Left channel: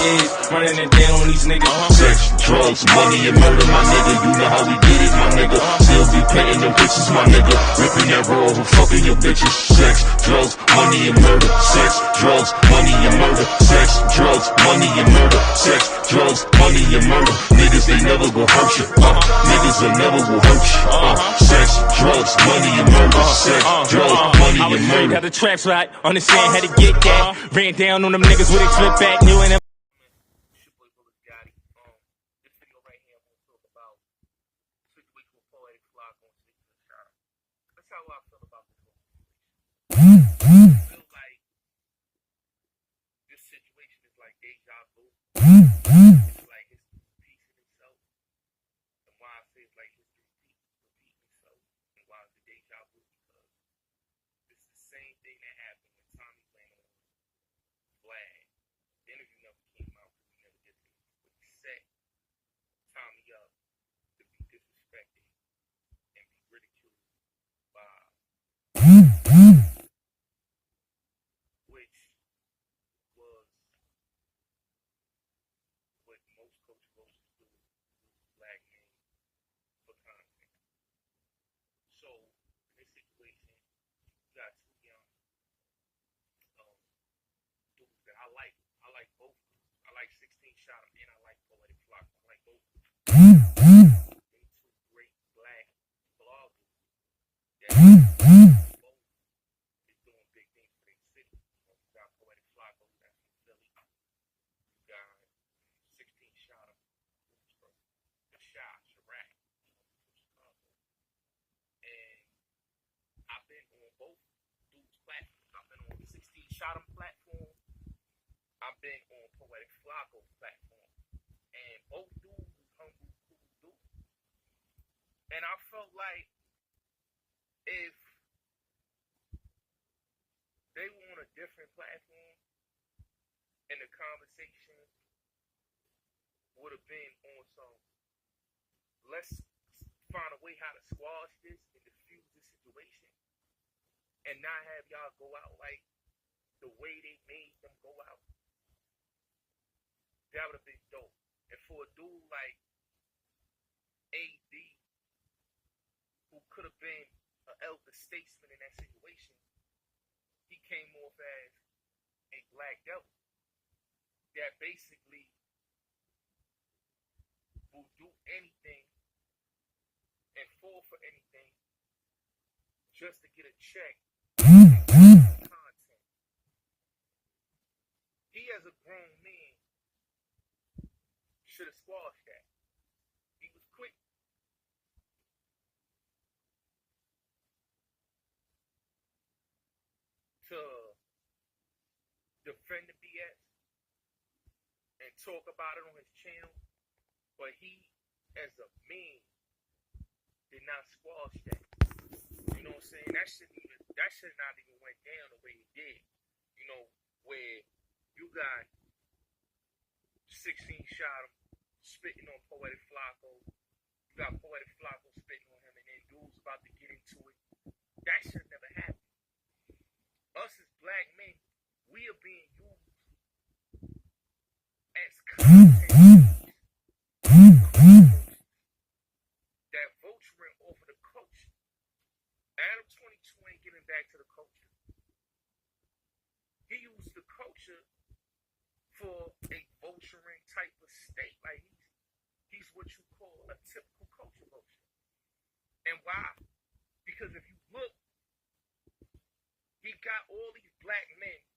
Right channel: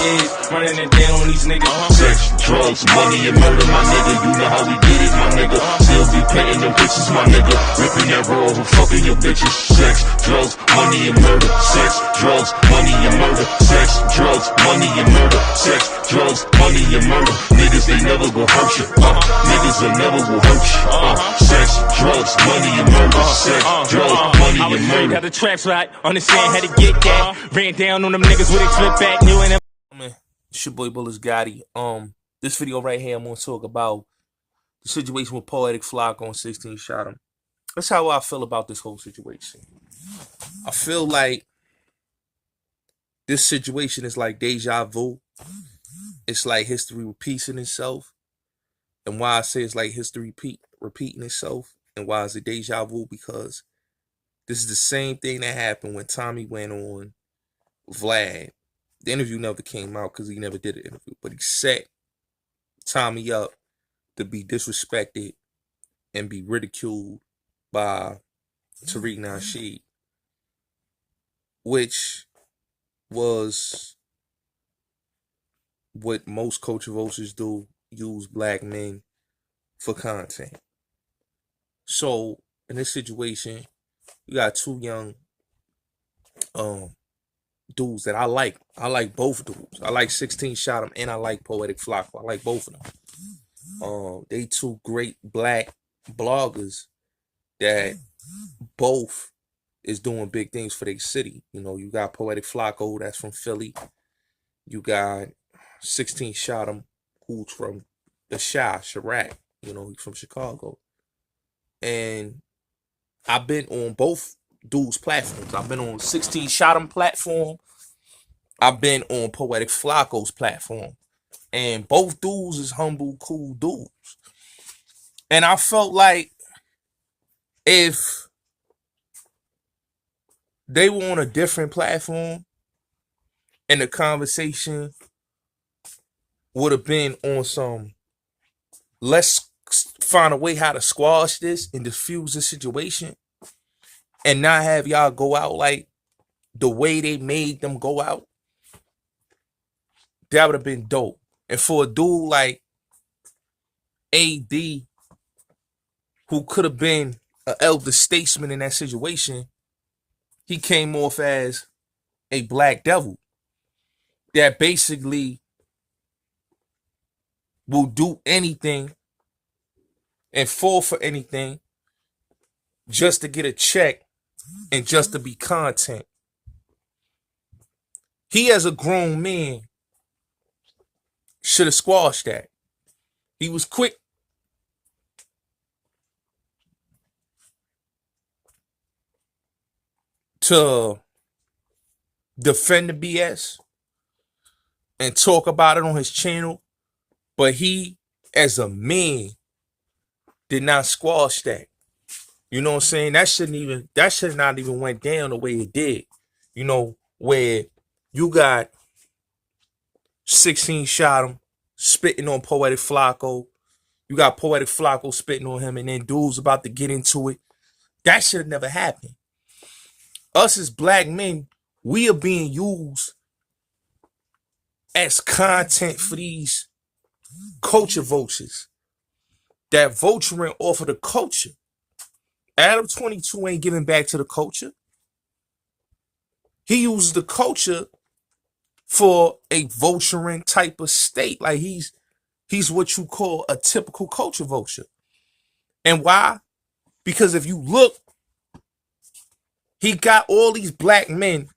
is, running it down on these niggas. Sex, drugs, money, and murder, my nigga. You know how we get it, my nigga. Still be painting them bitches, my nigga. Ripping that raw and fucking your bitches. Sex, drugs, money, and murder. Sex, drugs, money, and murder. Sex, drugs, money, and murder. Sex, drugs, money, and murder. Niggas, they never gon' hurt you. Niggas, they never will hurt you. Sex, drugs, money, and murder. Sex, drugs, money, and murder. Got the traps right, understand how to get that. Ran down on them niggas with a flip back, new and Man, it's your boy Bullets Gotti. This video right here, I'm gonna talk about the situation with Poetic Flocko on 16 Shot Him. That's how I feel about this whole situation. I feel like this situation is like deja vu. It's like history repeating itself. And why I say it's like history repeating itself, and why is it deja vu? Because this is the same thing that happened when Tommy went on Vlad. The interview never came out because he never did an interview, but he set Tommy up to be disrespected and be ridiculed by Tariq Nasheed, which was what most culture vultures do, use black men for content. So in this situation, you got two young dudes that I like. I like both dudes. I like 16 Shot Him and I like Poetic Flocko. I like both of them. They two great black bloggers that both is doing big things for their city. You know, you got Poetic Flocko, that's from Philly. You got 16 Shot Him, who's from the Chirac. You know, he's from Chicago. And I've been on both dudes' platforms. I've been on 16 Shot Him platform. I've been on Poetic Flocko's platform. And both dudes is humble, cool dudes. And I felt like if they were on a different platform and the conversation would have been on some, let's find a way how to squash this and diffuse the situation and not have y'all go out like the way they made them go out, that would have been dope. And for a dude like AD, who could have been an elder statesman in that situation, he came off as a black devil that basically will do anything and fall for anything just to get a check and just to be content. He, as a grown man, should have squashed that. He was quick to defend the BS and talk about it on his channel, but he, as a man, did not squash that. You know what I'm saying? That should not even went down the way it did. You know, where you got 16 Shot Him spitting on Poetic Flocko. You got Poetic Flocko spitting on him, and then dudes about to get into it. That should have never happened. Us as black men, we are being used as content for these culture vultures that vulturing off of the culture. Adam 22 ain't giving back to the culture. He uses the culture for a vulturing type of state. Like he's what you call a typical culture vulture. And why? Because if you look, he got all these black men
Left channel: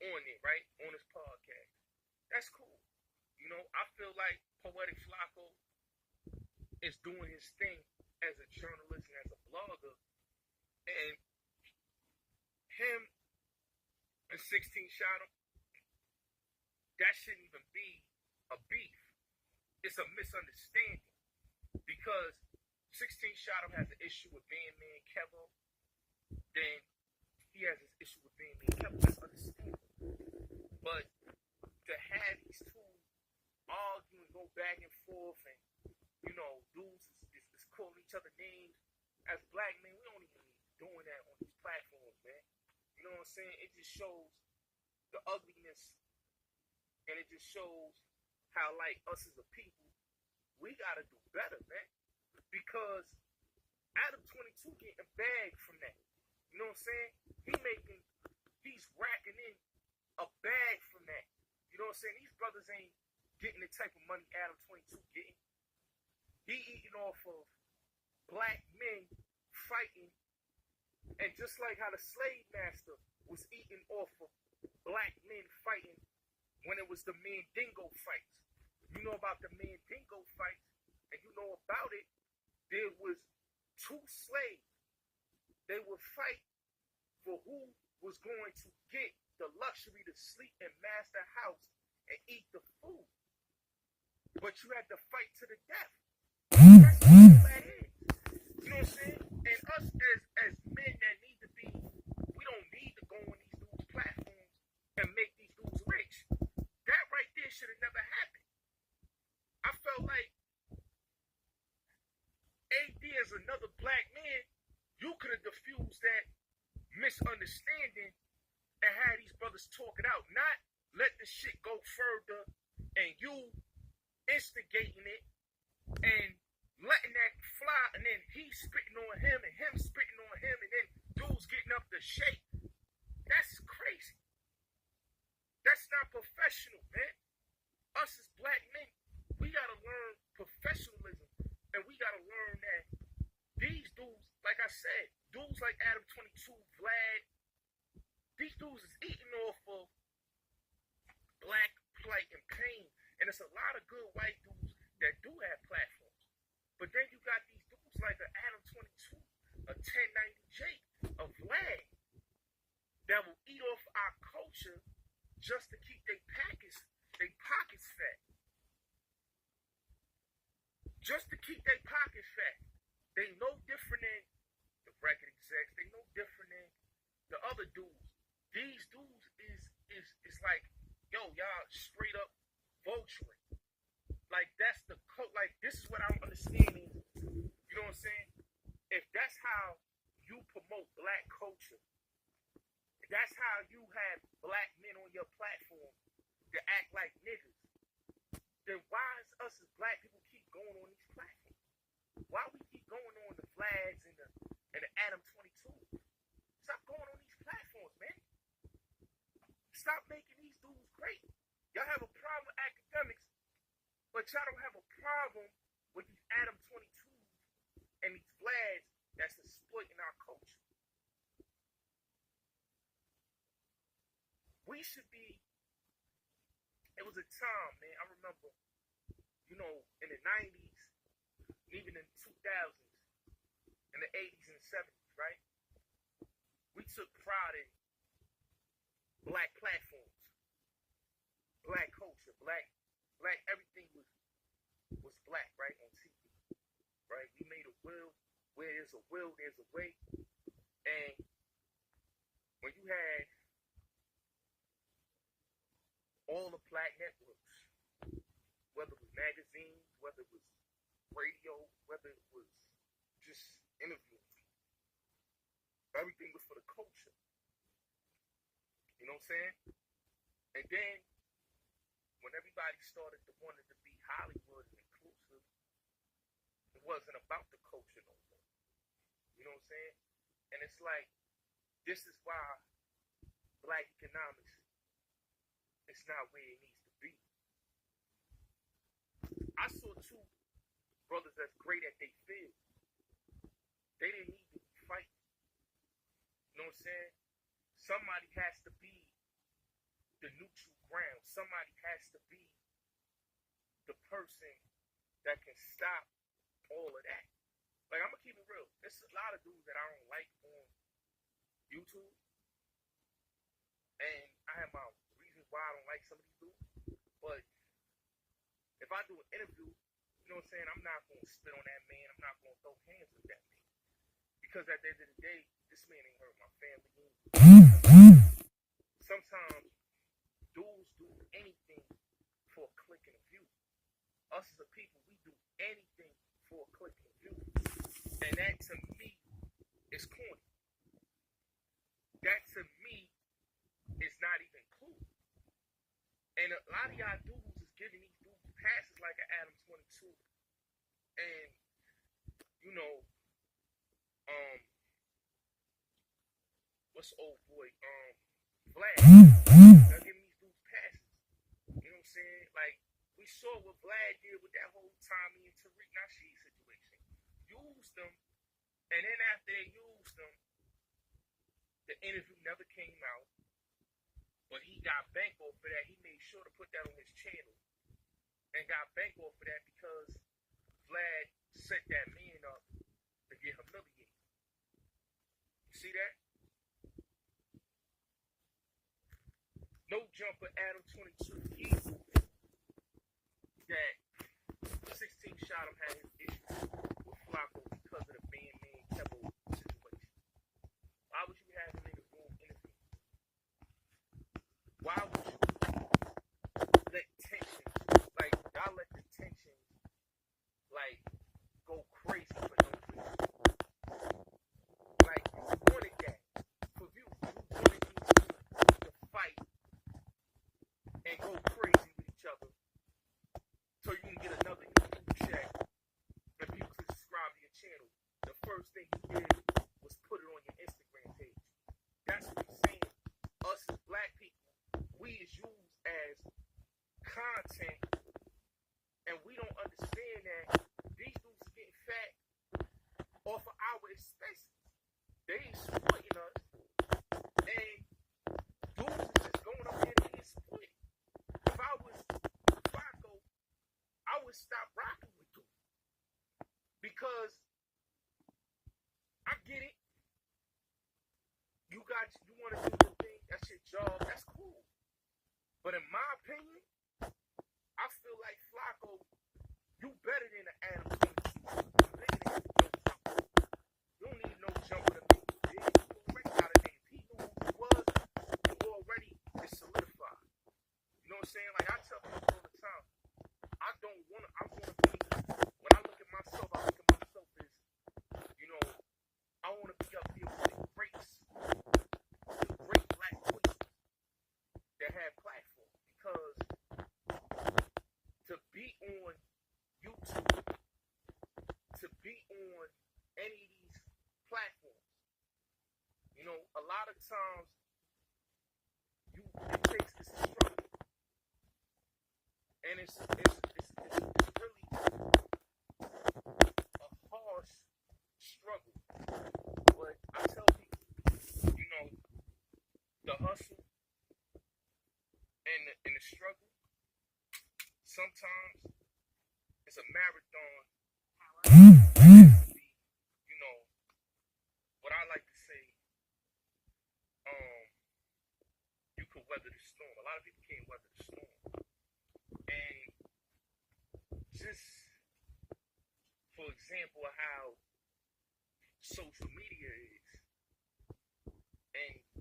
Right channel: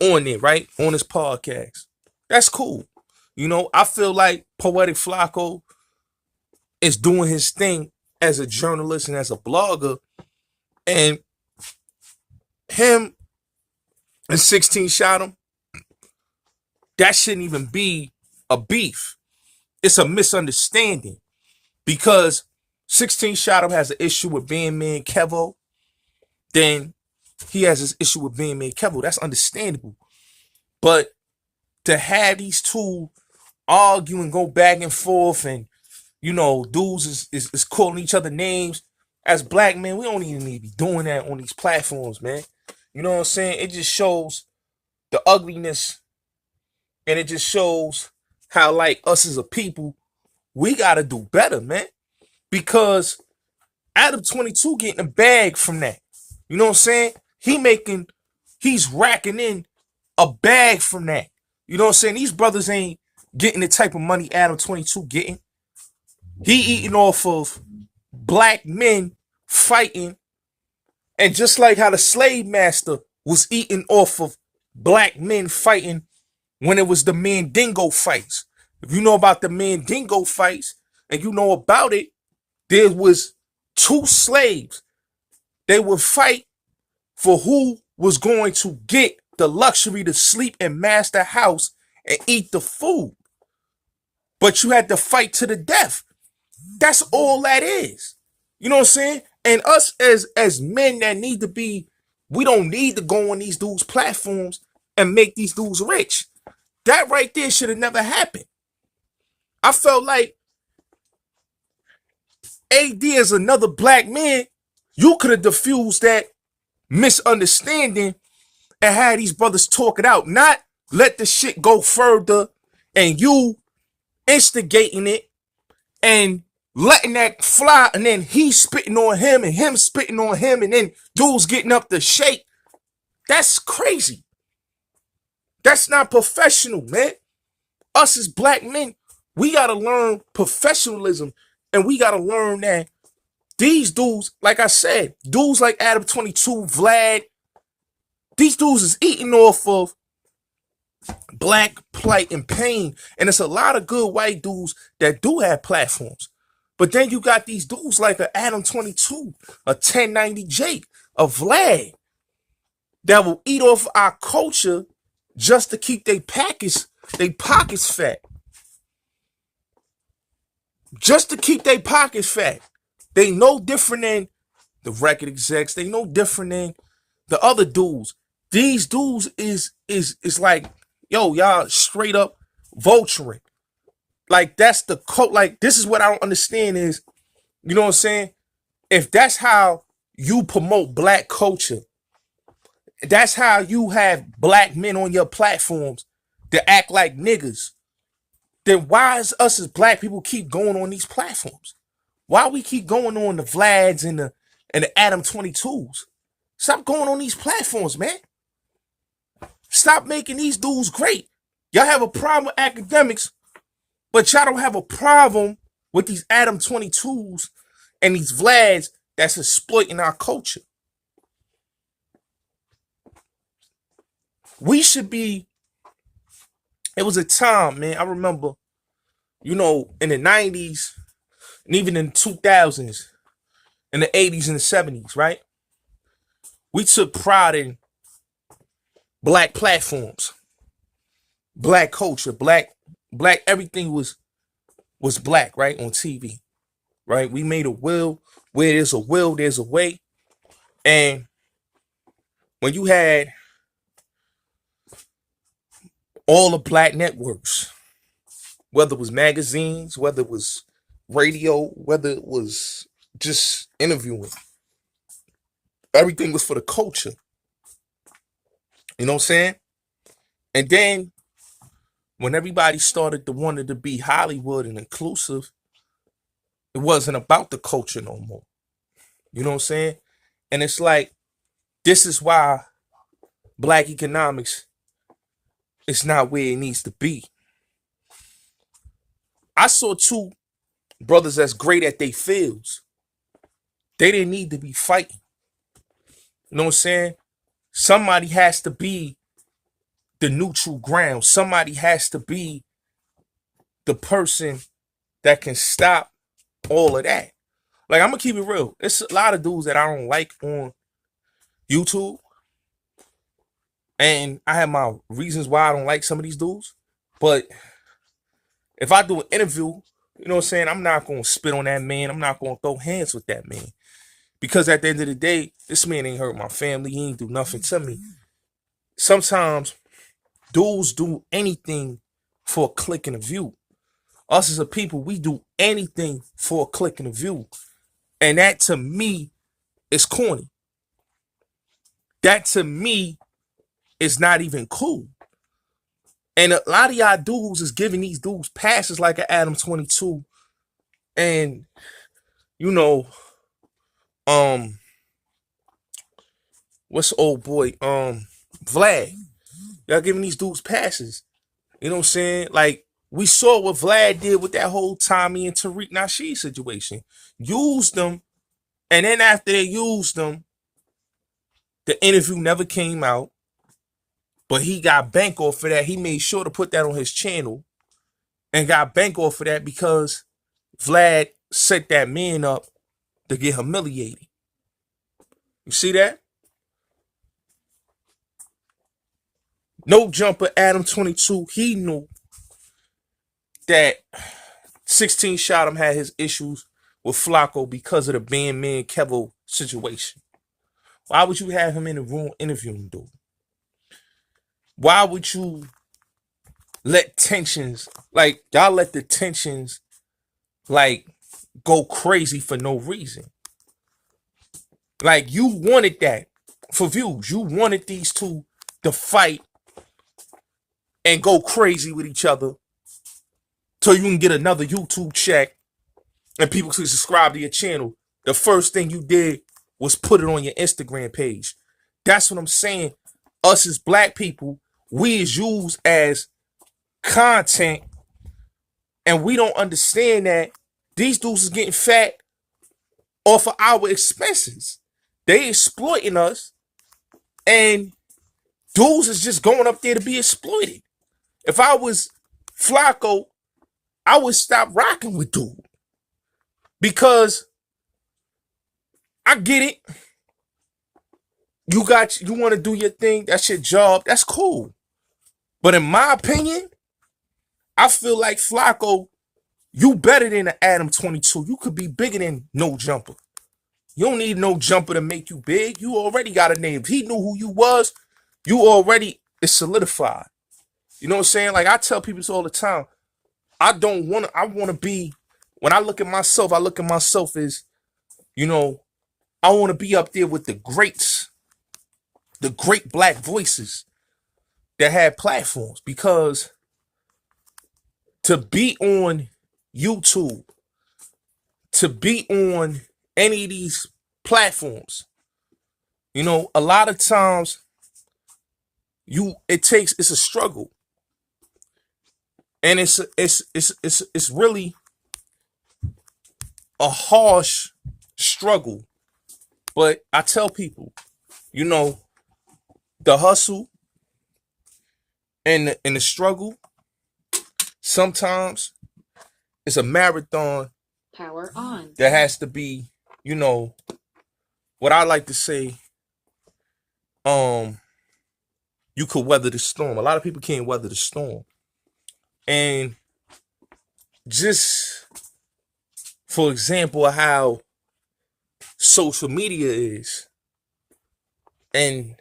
on there, right? On his podcast. That's cool. You know, I feel like Poetic Flocko is doing his thing as a journalist and as a blogger. And him and 16 Shot Him, that shouldn't even be a beef. It's a misunderstanding. Because 16 Shot Him has an issue with being me and Kevo, then he has this issue with being me and Kevo. That's understandable. But to have these two argue and go back and forth, and you know, dudes is calling each other names, as black men, we don't even need to be doing that on these platforms, man. You know what I'm saying? It just shows the ugliness And it just shows how, like, us as a people, we got to do better, man. Because Adam 22 getting a bag from that. You know what I'm saying? He's racking in a bag from that. You know what I'm saying? These brothers ain't getting the type of money Adam 22 getting. He eating off of black men fighting. And just like how the slave master was eating off of black men fighting when it was the Mandingo fights. If you know about the Mandingo fights and you know about it, there was two slaves. They would fight for who was going to get the luxury to sleep in master house and eat the food. But you had to fight to the death. That's all that is. You know what I'm saying? And us as men that need to be, we don't need to go on these dudes' platforms and make these dudes rich. That right there should have never happened. I felt like AD as another black man, you could have diffused that misunderstanding and had these brothers talk it out, not let the shit go further and you instigating it and letting that fly, and then he spitting on him and him spitting on him, and then dudes getting up to shake. That's crazy. That's not professional, man. Us as black men, we got to learn professionalism, and we got to learn that these dudes, like I said, dudes like Adam 22, Vlad, these dudes is eating off of black plight and pain. And it's a lot of good white dudes that do have platforms. But then you got these dudes like a Adam 22, a 1090 Jake, a Vlad, that will eat off our culture just to keep their pockets fat. Just to keep their pockets fat. They no different than the record execs. They no different than the other dudes. These dudes is like, yo, y'all straight up vulturing. Like, that's the cult. Like, this is what I don't understand is, you know what I'm saying? If that's how you promote black culture, that's how you have black men on your platforms to act like niggas, then why is us as black people keep going on these platforms? Why we keep going on the Vlads and the Adam 22s? Stop going on these platforms, man. Stop making these dudes great. Y'all have a problem with academics, but y'all don't have a problem with these Adam 22s and these Vlads that's exploiting our culture. We should be, it was a time, man, I remember, you know, in the 90s and even in the 2000s, in the 80s and the 70s, right? We took pride in black platforms, black culture, black, everything was black, right? On TV, right? We made a will. Where there's a will, there's a way. And when you had all the black networks, whether it was magazines, whether it was radio, whether it was just interviewing, everything was for the culture. You know what I'm saying? And then when everybody started to wanted to be Hollywood and inclusive, it wasn't about the culture no more. You know what I'm saying? And it's like, this is why black economics is not where it needs to be. I saw two brothers that's great at their fields. They didn't need to be fighting. You know what I'm saying? Somebody has to be the neutral ground. Somebody has to be the person that can stop all of that. Like, I'm gonna keep it real. It's a lot of dudes that I don't like on YouTube. And I have my reasons why I don't like some of these dudes. But if I do an interview, you know what I'm saying, I'm not gonna spit on that man. I'm not gonna throw hands with that man. Because at the end of the day, this man ain't hurt my family. He ain't do nothing to me. Sometimes dudes do anything for a click and a view. Us as a people, we do anything for a click and a view. And that to me is corny. That to me is not even cool. And a lot of y'all dudes is giving these dudes passes like an Adam 22. And, you know, what's the old boy? Vlad. Y'all giving these dudes passes. You know what I'm saying? Like, we saw what Vlad did with that whole Tommy and Tariq Nasheed situation. Used them, and then after they used them, the interview never came out. But he got bank off for that. He made sure to put that on his channel and got bank off for that because Vlad set that man up to get humiliated. You see that? No jumper, Adam 22. He knew that 16 shot him had his issues with Flacco because of the man Kevo situation. Why would you have him in the room interviewing, dude? Why would you let tensions, like, y'all let the tensions, like, go crazy for no reason? Like, you wanted that for views. You wanted these two to fight and go crazy with each other so you can get another YouTube check and people can subscribe to your channel. The first thing you did was put it on your Instagram page. That's what I'm saying. Us as black people, we is used as content, and we don't understand that these dudes is getting fat off of our expenses. They exploiting us, and dudes is just going up there to be exploited. If I was Flacco, I would stop rocking with dude. Because I get it. You want to do your thing, that's your job, that's cool. But in my opinion, I feel like Flacco, you better than an Adam 22. You could be bigger than No Jumper. You don't need No Jumper to make you big. You already got a name. If he knew who you was, you already is solidified. You know what I'm saying? Like, I tell people this all the time. I want to be, when I look at myself as, you know, I want to be up there with the greats, the great black voices that have platforms, because to be on YouTube, to be on any of these platforms, you know, a lot of times it's a struggle. And it's really a harsh struggle. But I tell people, you know, the hustle and the struggle, sometimes it's a marathon. Power on. That has to be, you know, what I like to say, you could weather the storm. A lot of people can't weather the storm. And just for example, how social media is, and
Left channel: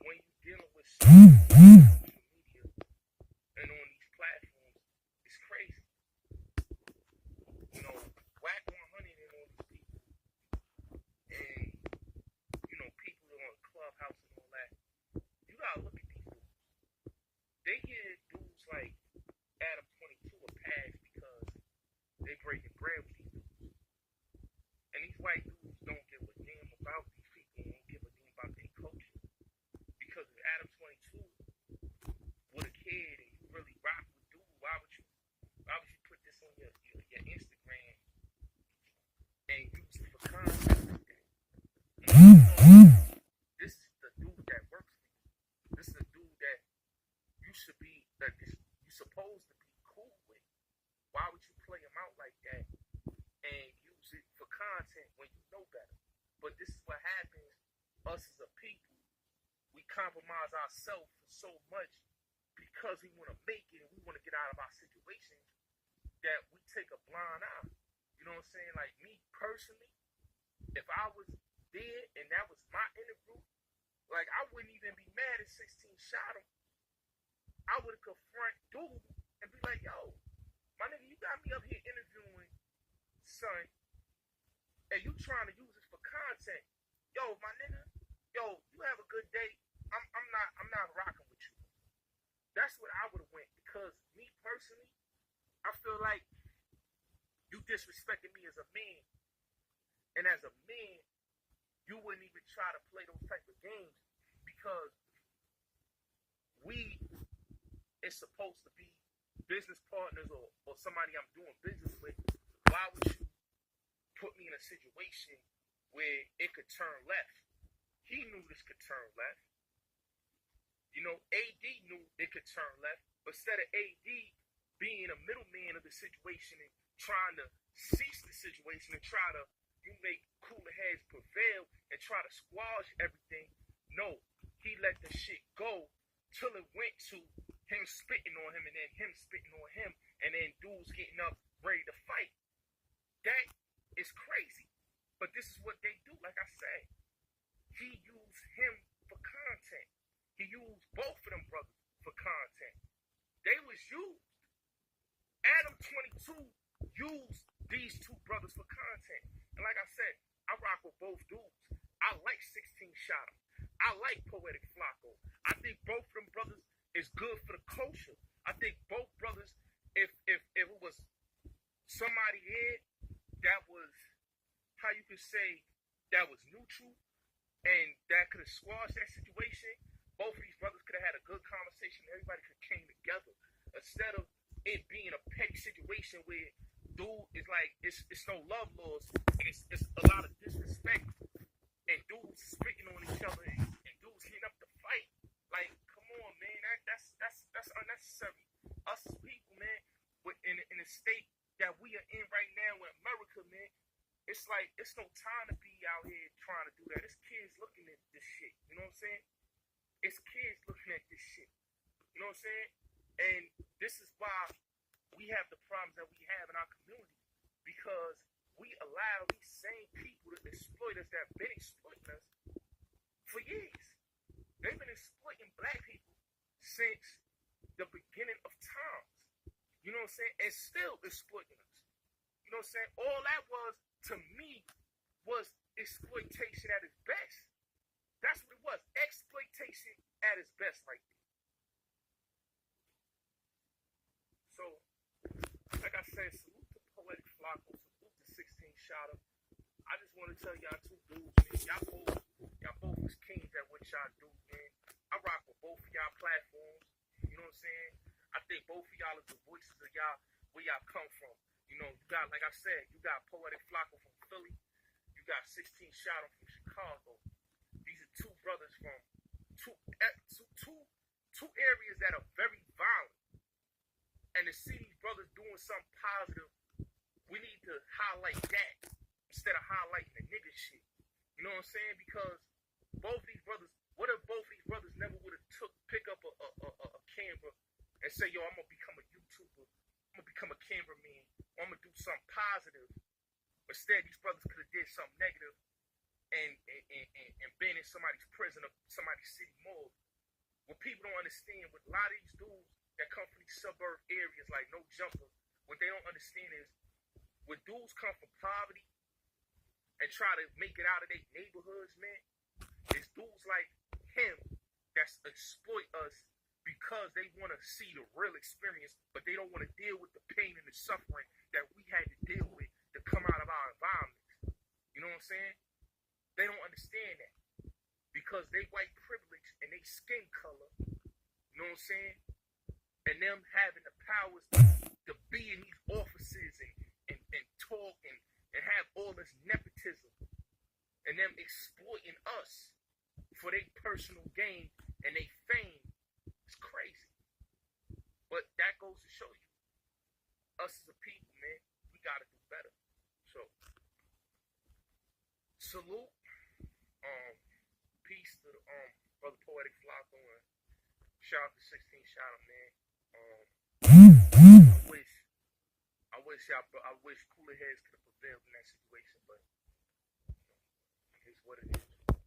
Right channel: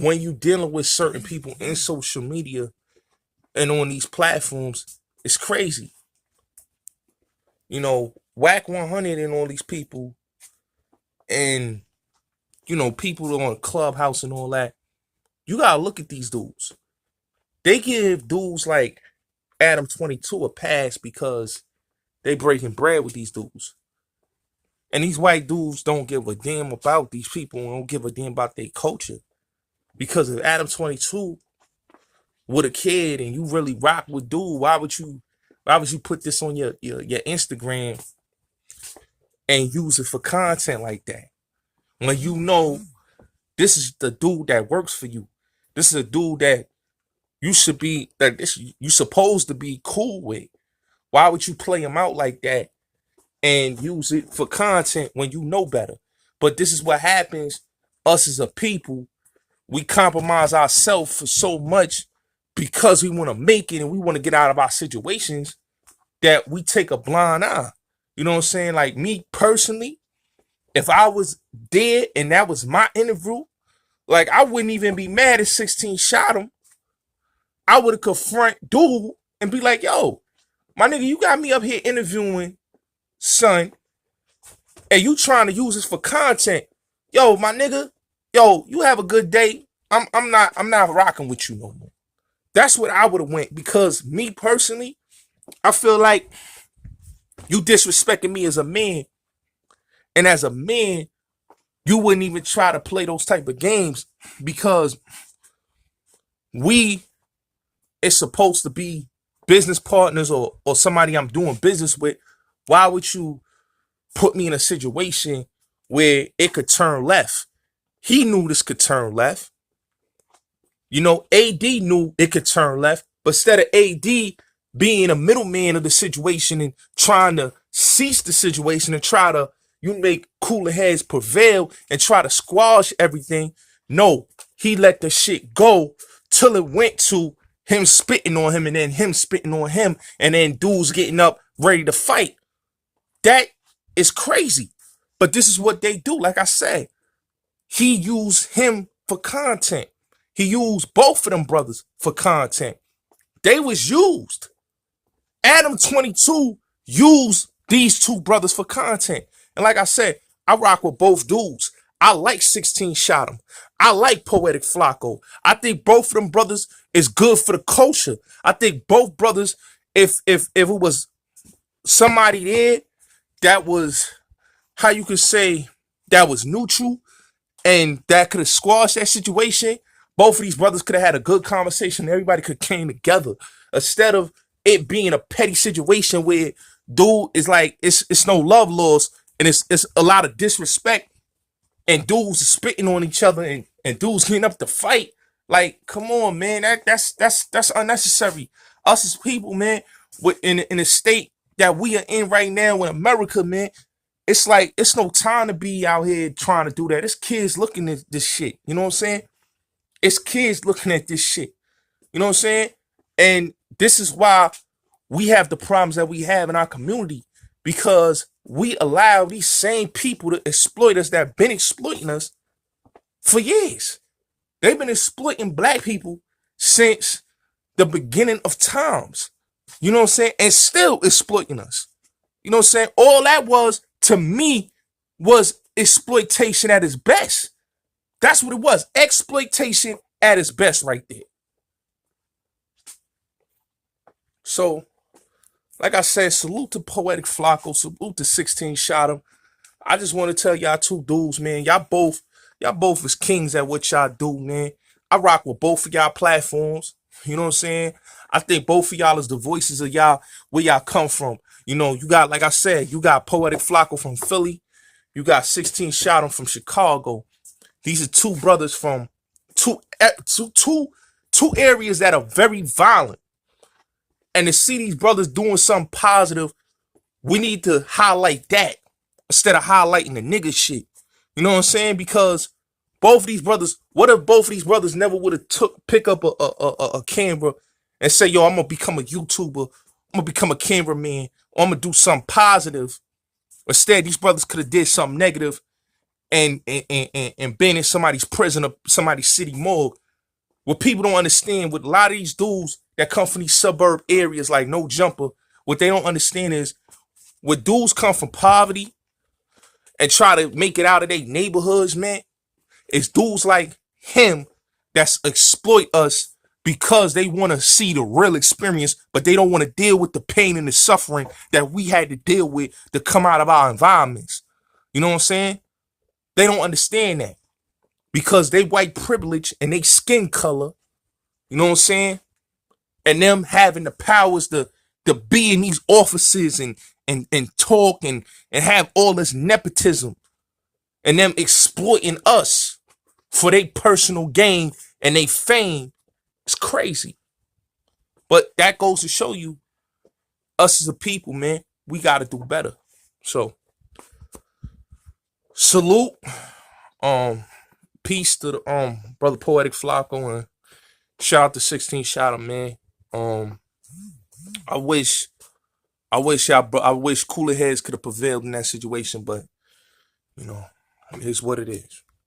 when you dealing with certain people in social media and on these platforms, it's crazy. You know, Whack 100 and all these people, and, you know, people on Clubhouse and all that, you gotta look at these dudes. They give dudes like Adam 22 a pass because they breaking bread with these dudes. And these white dudes don't give a damn about these people and don't give a damn about their culture. Because if Adam 22 with a kid and you really rock with dude, why would you put this on your Instagram and use it for content like that? When you know this is the dude that works for you. This is a dude that you supposed to be cool with. Why would you play him out like that and use it for content when you know better? But this is what happens. Us as a people, we compromise ourselves for so much because we want to make it and we want to get out of our situations that we take a blind eye. You know what I'm saying? Like, me personally, if I was dead and that was my interview, like, I wouldn't even be mad if 16 shot him. I would have confront dude and be like, yo, my nigga, you got me up here interviewing, son, and you trying to use this for content. Yo, my nigga, yo, you have a good day. I'm not rocking with you no more. That's what I would have went, because me personally, I feel like you disrespecting me as a man, and as a man, you wouldn't even try to play those type of games, because we is supposed to be business partners, or somebody I'm doing business with. Why would you put me in a situation where it could turn left? He knew this could turn left. You know, AD knew it could turn left, but instead of AD being a middleman of the situation and trying to cease the situation and try to make cooler heads prevail and try to squash everything, no, he let the shit go till it went to him spitting on him, and then him spitting on him, and then dudes getting up ready to fight. That is crazy. But this is what they do. Like I said, he used him for content. He used both of them brothers for content. They was used. Adam 22 used these two brothers for content. And like I said, I rock with both dudes. I like 16 Shot 'em. I like Poetic Flacco. I think both of them brothers is good for the culture. I think both brothers, if it was somebody there that was, how you could say, that was neutral and that could have squashed that situation, both of these brothers could have had a good conversation. Everybody could came together, instead of it being a petty situation where dude is like, it's no love lost, and it's a lot of disrespect, and dudes are spitting on each other, and dudes getting up to fight. Like, come on, man, that's unnecessary. Us as people, man, in the state that we are in right now in America, man, it's like, it's no time to be out here trying to do that. It's kids looking at this shit. You know what I'm saying? It's kids looking at this shit. You know what I'm saying? And this is why we have the problems that we have in our community, because we allow these same people to exploit us, that have been exploiting us for years. They've been exploiting black people since the beginning of times. You know what I'm saying? And still exploiting us. You know what I'm saying? All that was, to me, was exploitation at its best. That's what it was. Exploitation at its best right there. So, like I said, salute to Poetic Flacco, salute to 16 Shot 'em. I just want to tell y'all two dudes, man, y'all both is kings at what y'all do, man. I rock with both of y'all platforms. You know what I'm saying? I think both of y'all is the voices of y'all, where y'all come from. You know, you got, like I said, you got Poetic Flacco from Philly. You got 16 Shot 'em from Chicago. These are two brothers from two areas that are very violent. And to see these brothers doing something positive, we need to highlight that instead of highlighting the nigga shit. You know what I'm saying? Because both of these brothers, what if both of these brothers never would have pick up a camera and say, yo, I'm gonna become a YouTuber, I'm gonna become a cameraman, or I'm gonna do something positive. Instead, these brothers could have did something negative and been in somebody's prison or somebody's city morgue. What people don't understand, with a lot of these dudes that come from these suburb areas like No Jumper, what they don't understand is, when dudes come from poverty and try to make it out of their neighborhoods, man, it's dudes like him that's exploit us, because they want to see the real experience, but they don't want to deal with the pain and the suffering that we had to deal with to come out of our environments. You know what I'm saying? They don't understand that, because they white privilege and they skin color, you know what I'm saying? And them having the powers to be in these offices and talk and have all this nepotism, and them exploiting us for their personal gain and their fame. It's crazy. But that goes to show you, us as a people, man, we got to do better. So, salute. Peace to the brother Poetic Flacco, and shout out to 16 Shot 'em, man. I wish cooler heads could have prevailed in that situation, but you know, it is what it is.